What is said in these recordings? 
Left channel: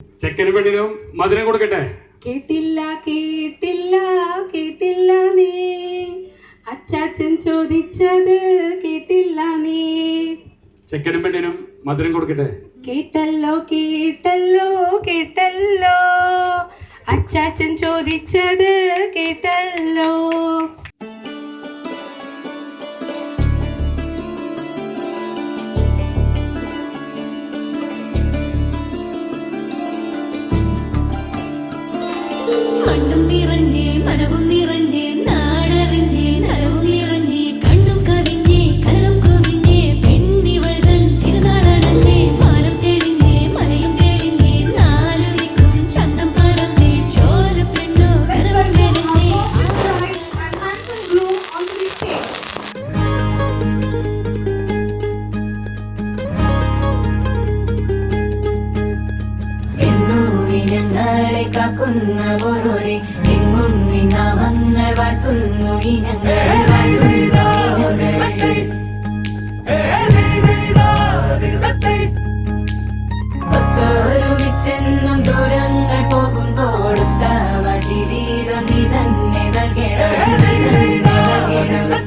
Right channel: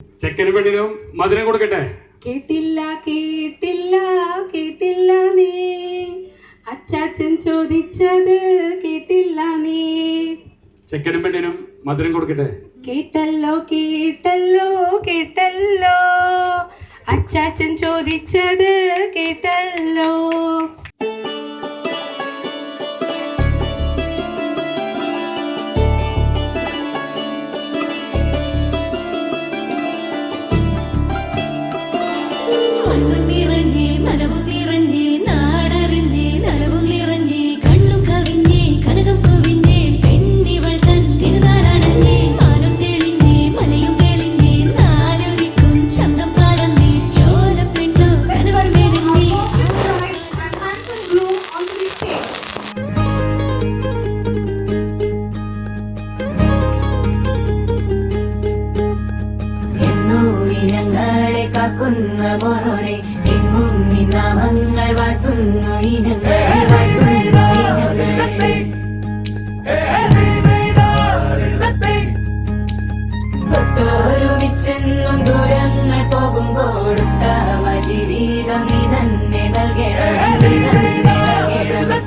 ചെക്കനും പെണ്ണിനും മധുരം കൊടുക്കട്ടെ. കേട്ടില്ല കേട്ടില്ല കേട്ടില്ല നീ, അച്ചാച്ചൻ ചോദിച്ചത് കേട്ടില്ല നീ. ചെക്കനും പെണ്ണിനും മധുരം കൊടുക്കട്ടെ. കേട്ടല്ലോ കേട്ടല്ലോ കേട്ടല്ലോ, അച്ചാച്ചൻ ചോദിച്ചത് കേട്ടല്ലോ. മണ്ണും നിറഞ്ഞേ മനവും നിറഞ്ഞേ നാടറിഞ്ഞേ നലവും നിറഞ്ഞേ കണ്ണും കവിഞ്ഞേ കനകം കുവിഞ്ഞേ പെണ്ണിവൾ തൻ തിരുനാളടഞ്ഞേ മാനം തെളിഞ്ഞേ മലയും തെളിഞ്ഞേ നാല് ദിക്കും ചന്തം പറന്നേ ചോലപ്പെണ്ണോ കനകം എന്നൂരി ഞങ്ങളെ കാക്കുന്ന പോരോരെ എങ്ങും നിന്നാമങ്ങൾ വാഴ്ത്തുന്നു ഇനങ്ങൾ വാഴ്ത്തുന്നു ഇനങ്ങൾ. ൊരുമിച്ചെന്നും ദൂരങ്ങൾ പോകുമ്പോൾ ജീവിതം നീ തന്നെ നൽകണം നീ തന്നെ നൽകണം.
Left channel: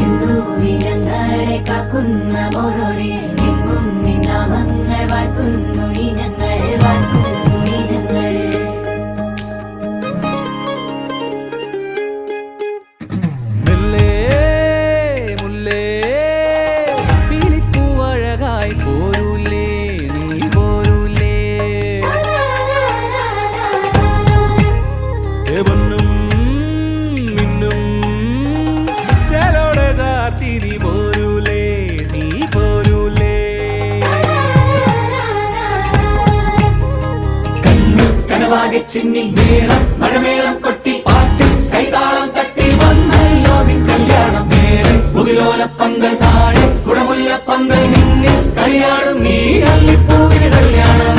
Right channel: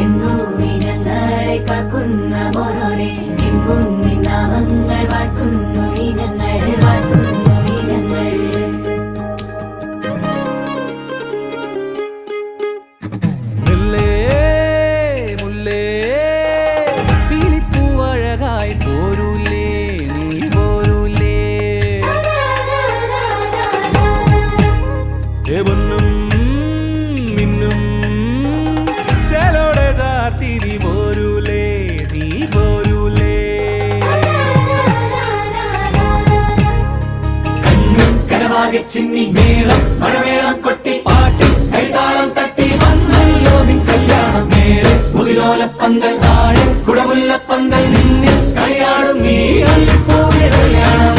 എന്നൂരി ഞങ്ങളെ കാക്കുന്ന പോരോരെ എങ്ങും നിന്നാമങ്ങൾ വാഴ്ത്തുന്നു ഇനങ്ങൾ വാഴ്ത്തുന്നു ഇനങ്ങൾ. മുല്ലേ മുല്ലേ പീലിപ്പൂവഴകായി പോരൂലേ നീ പോരൂലേ പൊന്നും മിന്നും ചേലോടെ ചാർത്തി നീ പോരൂലേ നീ പോരൂലേ. കനവാകെ ചിന്നി മേളം മഴമേളം കൊട്ടി പാട്ടി കൈതാളം തട്ടി വന്നല്ലോ നിൻ കല്യാണം നേരെ മുകിലോലപ്പന്തൽ താഴെ കുടമുല്ലപ്പന്തൽ നിന്നിൽ കളിയാടും നീ അള്ളിപ്പൂവിന് കല്യാണം.